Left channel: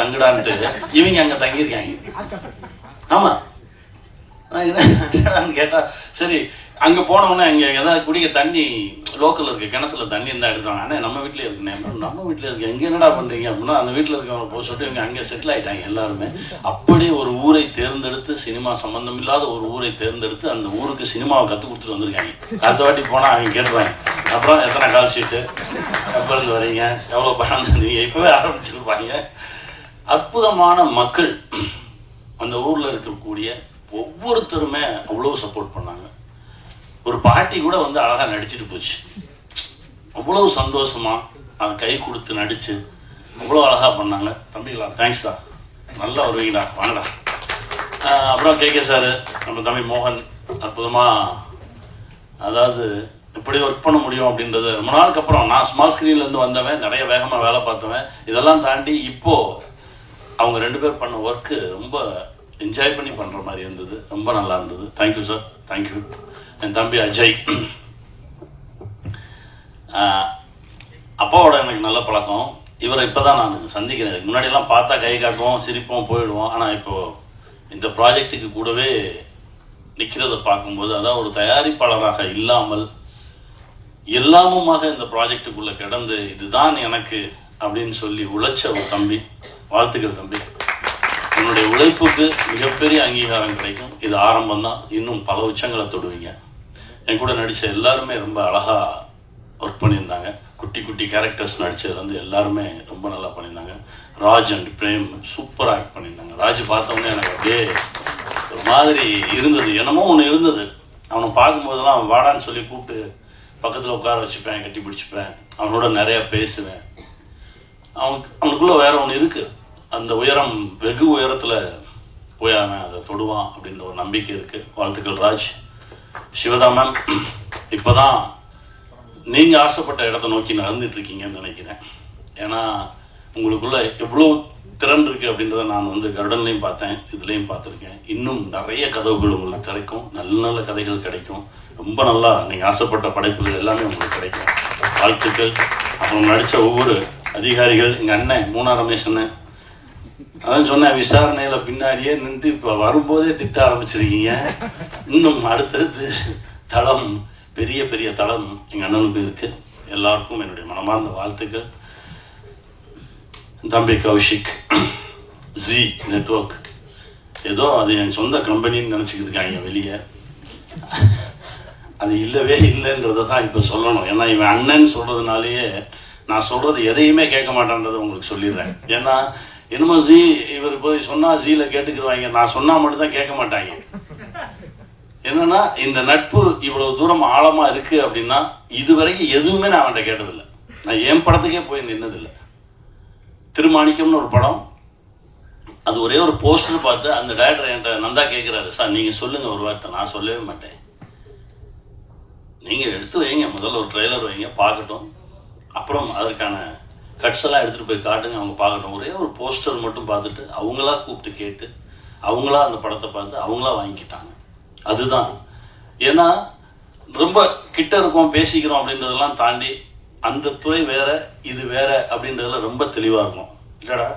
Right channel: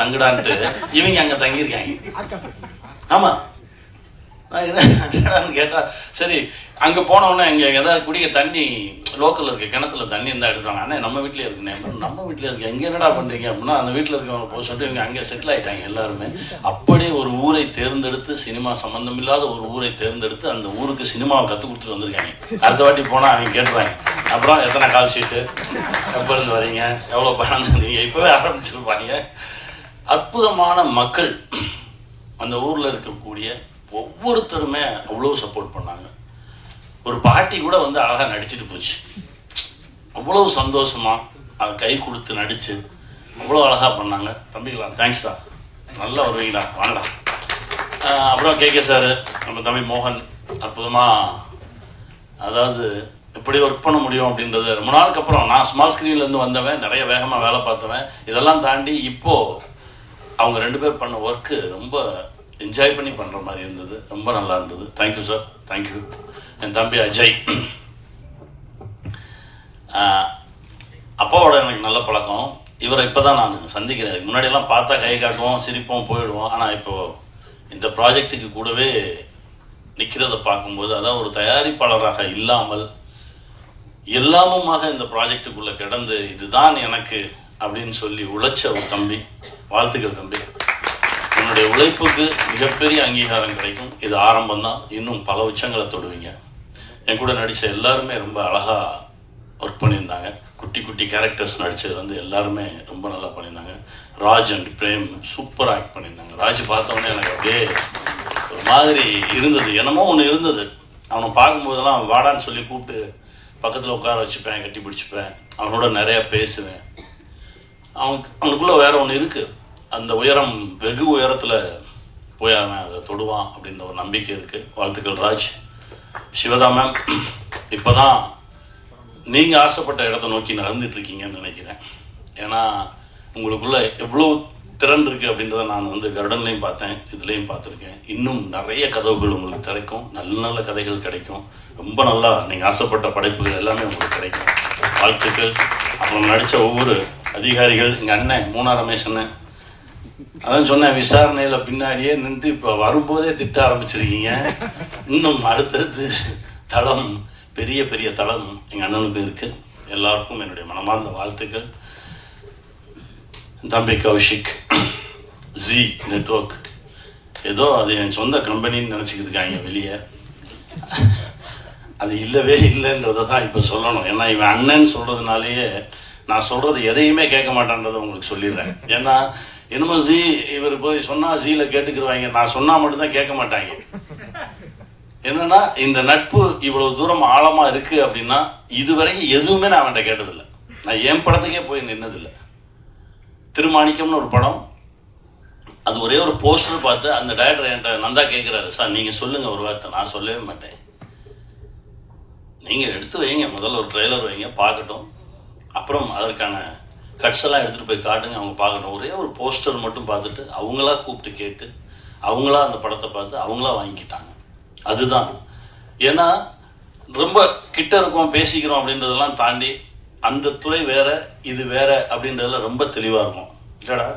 தங்குடான்ட்டு இவங்க அங்க தங்கியிருக்காங்க. ஆமா கேட்டா சரி அங்க போனவொடனே அங்க ஏதாவது குடிக்க தண்ணி லோக்கல்ல இருக்க கிணத்துல தண்ணி இருந்தா எடுத்துவாங்க. அண்ணே நம்ம வீட்லயே இருக்குண்ணே. நம்ம வீட்டுல இருக்கு எங்க என்னடா பண்றீங்க அப்படின்னா அந்த வீட்டுல இருக்கவங்க போக சொல்லிட்டு இவங்க அங்கே செட்டில் ஆயிட்டாங்க எல்லாருமே. அப்படியே ஒரு ஊரை தேர்ந்தெடுத்து சினிமா சம்பந்தம் இல்லாத ஒரு ஊரை தேர்ந்தெடுத்து அந்த ஊருக்கு சினிமாவை கற்றுக் கொடுத்துட்டு வந்திருக்காங்க. அடுத்த வாட்டி போனா அவங்க கேட்டுறாங்க அப்புறம் எத்தனை கால் ஷீட்டு எப்ப இருந்து வரீங்க எவ்வளவு பணம் தந்தீங்க இப்பவே ஆரம்பிச்சிருப்பாங்க. அற்புதமான மக்கள் அந்த ஊர்ல இருக்கக்கூடிய ஒவ்வொருத்தருமே அவ்வளோ சப்போர்ட் பண்ணாங்க. ஒரு பாட்டி கூட வந்து அழகா நடிச்சுட்டு போச்சு. அவ்வளவு சந்தோஷமா அவங்க கை கொடுத்து நடிச்சு அவ்வளோ அழகா பண்ணாங்க. தம்பிங்களா தேங்க்ஸ்டா, நல்லா வருவீங்களா வாங்கடா. அப்புறம் கே சார் நம்ம தம்பி மோகன் அற்புதமா அதாவது எப்படி ஒர்க் பண்ண முடியும் அப்படின்றது ரொம்ப நாளுக்கு அப்புறம் நான் ஸ்மால் ஸ்க்ரீன்லேருந்து வந்தவன், நிறைய வேகமாக வேலை பார்த்தவன். இதெல்லாம் தாண்டி இப்போது அவங்க 2 பேர் பண்ண ஒர்க்கு ரொம்ப என்ஜாய் பண்ணி பண்ணுற மாதிரி இருந்தது. ரொம்ப நல்லா இருந்தது. Thank you sir, thank you. என் தம்பி அஜய், அப்பாவோட எனக்கு நல்ல பழக்கம். இவரை இப்போ தான் நான் சந்திக்கிறேன். முன்னாடியெல்லாம் பார்த்தா கை காட்டுவோம் சிரிப்போம் போயிடுவோம். ஆனால் இப்போது இந்த ப்ராஜெக்டுக்கு கூடவே நிற்கிறத பார்க்கும்போது அதாவது ஒரு தயாரிப்பாளராக இல்லாமல் எல்லாமுமாக இந்த ப்ராஜெக்டுக்குள்ளே கிடந்து இதுதான் எனக்கு அப்படின்னு சொல்லி உழைச்ச ஒரு தம்பி. வாழ்த்துக்கள் தம்பி. உன்னுடைய உழைப்புக்கு மிகப்பெரிய அங்கீகாரம் கிடைக்கும். இது ஆரம்பம் தான். இன்னும் பல உச்சங்களை தொடுவீங்க. என் கூட நடித்த எல்லாருமே ரொம்ப அழகாக ஒர்க் பண்ணியிருந்தாங்க. குட்டி குட்டி கேரக்டர்ஸ் நடித்தது வந்து எல்லாருமே ரொம்ப நல்லா பண்ணியிருந்தாங்க. ராஜ் அண்ட் பிரேம் சூப்பராக ஆக்ட் பண்ணியிருந்தாங்க. ராஜ் பார்த்தோன்னே எனக்கு அப்படியே ஒரு மாதிரி இருந்தது, என்னமோ ஒன்று இருந்தது. அவனை பார்க்கும்போதெல்லாம் அவன் வாடான்னு சொல்லி கூப்பிட்டு பக்கத்தில் உட்கார வச்சுப்பேன், கட்டி பிடிச்சிப்பேன், அவனோட நிறையா பேசுவேன். அவனுக்குள்ளே வேற ஒன்று இருக்குது. அந்த உயரம் வெகு உயரத்தில் போய் அவன் அதை தொடுவான் அப்படின்ற ஒரு நம்பிக்கை இருக்குது. வாழ்த்துக்கள் ராஜ். சிவதா மேம், இப்போ தான் நீங்கள் ஆசைப்பட்ட இடத்த நோக்கி நடந்துட்டுருக்கீங்கன்னு நினைக்கிறேன். ஏன்னா உங்களுக்குள்ள எவ்வளோ திறன் இருக்குது அப்படின்றத நான் வந்து கருடன்லையும் பார்த்தேன், இதுலேயும் பார்த்துருக்கேன். இன்னும் நிறைய கதவுகள் உங்களுக்கு கிடைக்கும், நல்ல நல்ல கதைகள் கிடைக்கும். ரொம்ப நல்லா நீங்கள் ஆசைப்பட்ட படைப்புகள் எல்லாமே உங்களுக்கு கிடைக்கும். வாழ்த்துக்கள். அப்புறம் நடித்த ஒவ்வொரு அதிகாரிகள், எங்கள் அண்ணன் மூணா ரமேஷ் அண்ணன், அதான் சொன்னேன் விசாரணையில் பின்னாடியே நின்று இப்போ வரும்போதே திட்ட ஆரம்பிச்சிருக்கீங்க. இன்னும் அடுத்தடுத்து தளம், பெரிய பெரிய தளம் எங்கள் அண்ணனுக்கு இருக்குது. எல்லாருக்கும் என்னுடைய மனமார்ந்த வாழ்த்துக்கள். தம்பி கௌஷிக், ஜி நெட்வொர்க், ஏதோ அது என் சொந்த கம்பெனின்னு நினச்சிக்கிட்டு இருக்காங்க வெளியே. அது இல்லவே இல்லைன்றதை தான் இப்போ சொல்லணும். ஏன்னா இவன் அண்ணன்னு சொல்கிறதுனாலேயே நான் சொல்கிறது எதையுமே கேட்க மாட்டேன்றதை உங்களுக்கு சொல்லிடுறேன். ஏன்னா என்னமோ ஜி இவர் போய் சொன்னால் ஜியில் கேட்டுக்கிடுவாங்க, நான் சொன்னால் மட்டும்தான் கேட்க மாட்டாங்க. என்னன்னா இந்த நட்பு இவ்வளவு தூரம் ஆழமாக இருக்குது அப்படின்னா இதுவரைக்கும் எதுவுமே நான் அவன்கிட்ட கேட்டதில்லை. நான் என் படத்துக்கே போய் நின்னதில்லை. திருமாணிக்கம்னு ஒரு படம், அது ஒரே ஒரு போஸ்டர் பார்த்து அந்த டைரக்டர் என்கிட்ட நந்தா கேட்குறாரு, சார் நீங்கள் சொல்லுங்கள் ஒரு வார்த்தை. நான் சொல்லவே மாட்டேன், நீங்கள் எடுத்து வைங்க, முதல்ல ஒரு ட்ரெய்லர் வைங்க பார்க்கட்டும், அப்புறம் அதற்கான கட்ஸ் எல்லாம் எடுத்துகிட்டு போய் காட்டுங்க, அவங்க பார்க்கட்டும். ஒரே ஒரு போஸ்டர் மட்டும் பார்த்துட்டு அவங்களா கூப்பிட்டு கேட்டு அவங்களா அந்த படத்தை பார்த்து அவங்களா வாங்கிக்கிட்டாங்க. அதுதான். ஏன்னா ரொம்ப கிட்ட இருக்கோம் பேசிக்கிறோம் அப்படின்றதெல்லாம் தாண்டி அந்த துறை வேற இது வேற அப்படின்றதுல ரொம்ப தெளிவாக இருக்கும் இல்லைடா.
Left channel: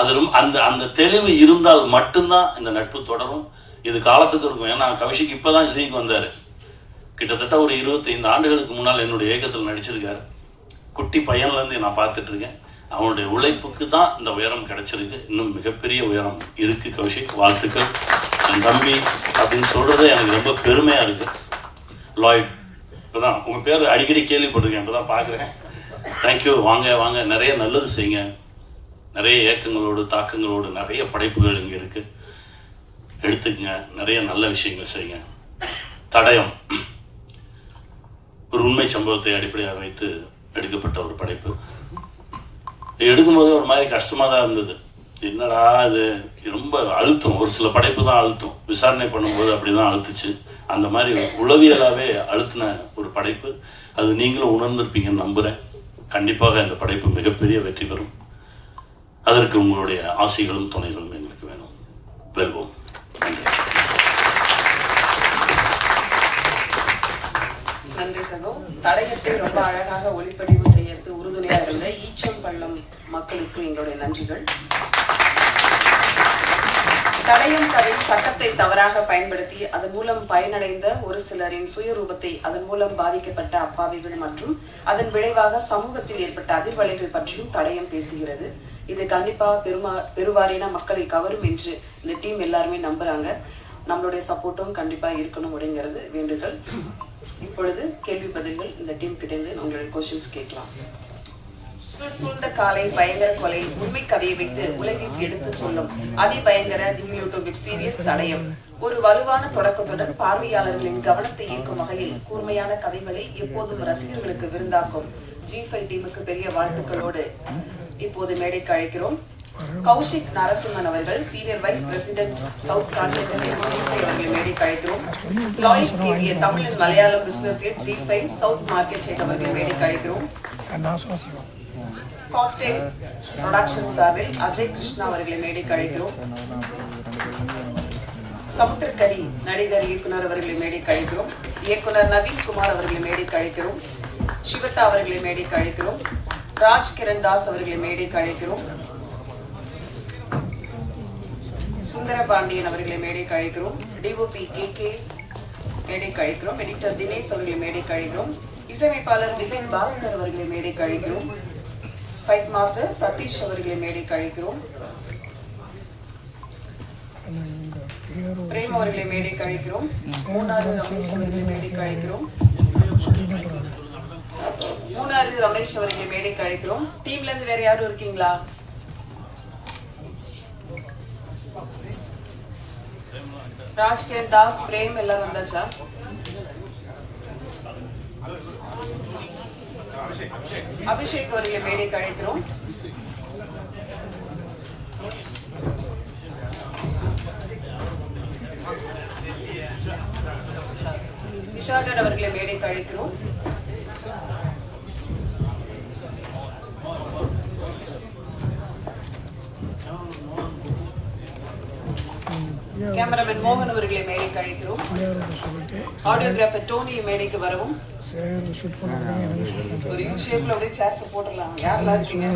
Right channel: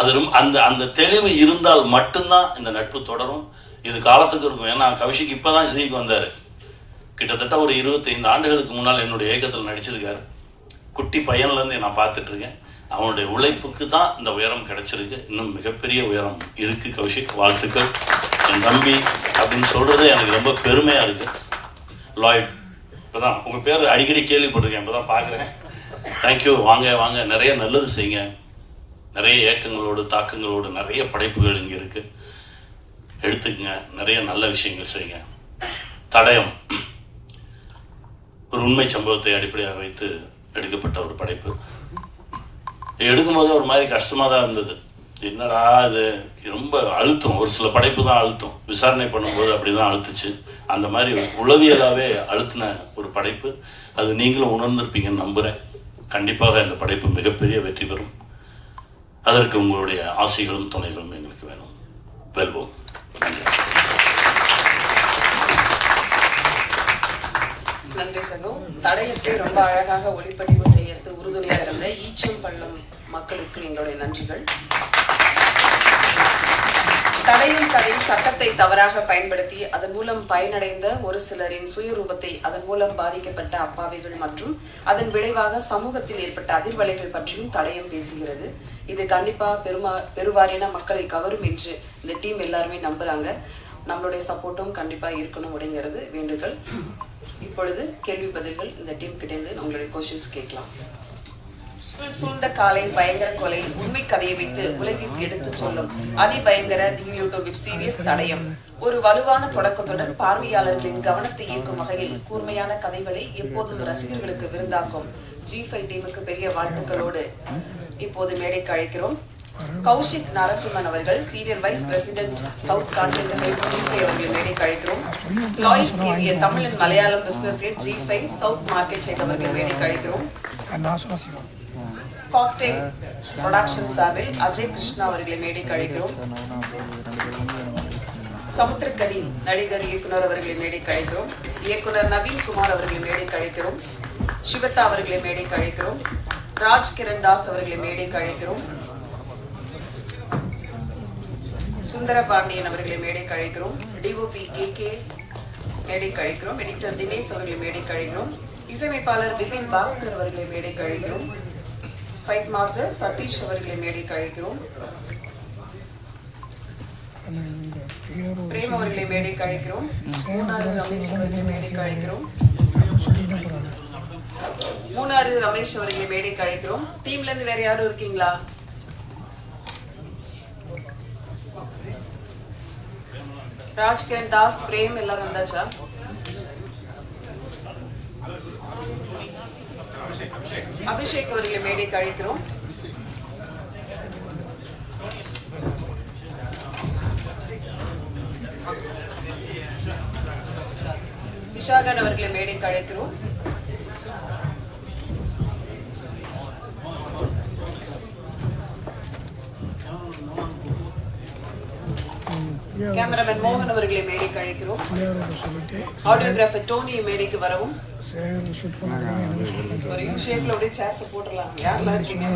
அது ரொம்ப அந்த அந்த தெளிவு இருந்தால் மட்டும்தான் இந்த நட்பு தொடரும். இது காலத்துக்கு இருக்கும். ஏன்னா கௌஷிக் இப்போ தான் ஜிக்கு வந்தார். கிட்டத்தட்ட ஒரு 25 ஆண்டுகளுக்கு முன்னால் என்னுடைய இயக்கத்தில் நடிச்சிருக்காரு. குட்டி பையன்லேருந்து நான் பார்த்துட்ருக்கேன். அவனுடைய உழைப்புக்கு தான் இந்த உயரம் கிடைச்சிருக்கு. இன்னும் மிகப்பெரிய உயரம் இருக்குது கௌஷிக். வாழ்த்துக்கள். என் தம்பி அப்படின்னு சொல்கிறதே எனக்கு ரொம்ப பெருமையாக இருக்குது. லாய்ட், இப்போ தான் உங்கள் பேர் அடிக்கடி கேள்விப்பட்டிருக்கேன், இப்போ தான் பார்க்குறேன். தேங்க்யூ. வாங்க வாங்க, நிறைய நல்லது செய்யுங்க. நிறைய இயக்கங்களோடு தாக்கங்களோடு நிறைய படைப்புகள் இங்கே இருக்குது, எடுத்துக்கங்க. நிறைய நல்ல விஷயங்கள் செய்யுங்க. தடயம் ஒரு உண்மை சம்பவத்தை அடிப்படையாக வைத்து எடுக்கப்பட்ட ஒரு படைப்பு. எடுக்கும்போது ஒரு மாதிரி கஷ்டமாக தான் இருந்தது. என்னடா இது ரொம்ப அழுத்தம். ஒரு சில படைப்பு தான் அழுத்தம், விசாரணை பண்ணும்போது அப்படி தான் அழுத்துச்சு. அந்த மாதிரி உளவியலாகவே அழுத்தின ஒரு படைப்பு. அது நீங்களும் உணர்ந்திருப்பீங்கன்னு நம்புகிறேன். கண்டிப்பாக இந்த படைப்பு மிகப்பெரிய வெற்றி பெறும். அதற்கு உங்களுடைய ஆசைகளும் துணைகளும் எங்களுக்கு வேணும். வெல்வோம். நன்றி. days ago தடயத்தை ரொம்ப அழகாக ஒளிப்பதிவு செய்யறது உறுதுணையா இருந்த ஈச்சம்பள்ளம் மக்களுக்கு எங்களுடைய நன்றிகள். தடயம் கதையில் சட்டத்தை தவறாக பயன்படுத்தி அதன் மூலம் பயனடைந்த ஒரு சிலரின் சுயரூபத்தை, அதன் மூலம் பாதிக்கப்பட்ட அப்பாவிகள் மற்றும் அதன் விளைவாக சமூகத்தில் ஏற்பட்ட அதிர்வலைகள் பற்றியும் தடயம் பேசுகிறது. இது கண்டிப்பா பெருவாரியான மக்களை கவரும் என்று இந்த டீம் எல்லாருமே நம்புறாங்க. நம்மளுடைய சப்போர்ட்டும் கண்டிப்பா இருக்கணும் அப்படிங்கிறது வேண்டுதல். இப்பொழுது கேள்வி பதில்கள் இந்த டீம் கிட்ட இருந்து உங்களுடைய கொஸ்டின்ஸ் கேட்கலாம். சூழ்ந்த காலை பயங்கர கொலை உண்மை கதையை வைத்து உலகிற்கு எடுத்து சொல்லும் அதிபயங்கர திகிலூட்டும் வெப் சீரிஸ் தடயம் ஒரு வலுவான தொடக்கத்துடன் பார்வையாளர்களின் கவனத்தை ஈர்க்கும் வகையில் கூர்மையான கதைகளை எப்போதும் ரசிகர்களுக்கு விருந்தாக்கும் G5 டீமுக்கு பெரிய வாழ்த்துக்களோடு இப்போது மேடைக்கு அழைக்கிறோம். கௌஷிக் நரசிம்மன் அவர்கள் senior vice president south continental G5 அவர்களை மேடைக்கு அழைக்கிறோம். Lloyd senior Tamil and Malayalam business head G5 south market head அவர்களை மேடைக்கு அழைக்கிறோம். காக்டெயில் ப்ரொடக்ஷன் சார்பில் அஜய் கிருஷ்ணா அவர்களை மேடைக்கு அழைக்கிறோம். சமுத்திரக்கரி நடிகர் இயக்குனர் அவர்களை மேடைக்கு அழைக்கிறோம். இயக்குனர் நவீன் குமார் அவர்களை மேடைக்கு அழைக்கிறோம். சிவதா அவர்களை மேடைக்கு அழைக்கிறோம். ராஜ் கிரண் தாஸ் அவர்களை மேடைக்கு அழைக்கிறோம். சுந்தர பாண்டியன் அவர்களை மேடைக்கு அழைக்கிறோம். DOP KK மேடைக்கு அழைக்கிறோம். எடிட்டர் தினேஷ் அவர்களை மேடைக்கு அழைக்கிறோம். இசையமைப்பாளர் விபின் பாஸ்கர் அவர்களை மேடைக்கு அழைக்கிறோம். ஃபைட் மாஸ்டர் சதீஷ் அவர்களை மேடைக்கு அழைக்கிறோம். பிரேம் அவர்களை மேடைக்கு அழைக்கிறோம். மூணாறு ரமேஷ் அவர்களை மேடைக்கு அழைக்கிறோம். டீம்ல இருந்து வேற யாரும் இருக்கீங்களா? ராஜ்கிரண் தாஸ், பிரேம் எல்லாரும் வந்தாச்சா? அபிஷேக் அவர்களை மேடைக்கு அழைக்கிறோம். விஷாகர் அவர்களை மேடைக்கு அழைக்கிறோம். கேமராமேன் மோகன் அவர்களை மேடைக்கு அழைக்கிறோம். ஆடியோகிராஃபர் டோனி மேடைக்கு வரவும். ஒரு யூ ஷேப்ல அப்படியே சேர்ஸ் போட்டுடலாம். யாரெல்லாம் இருக்கீங்க?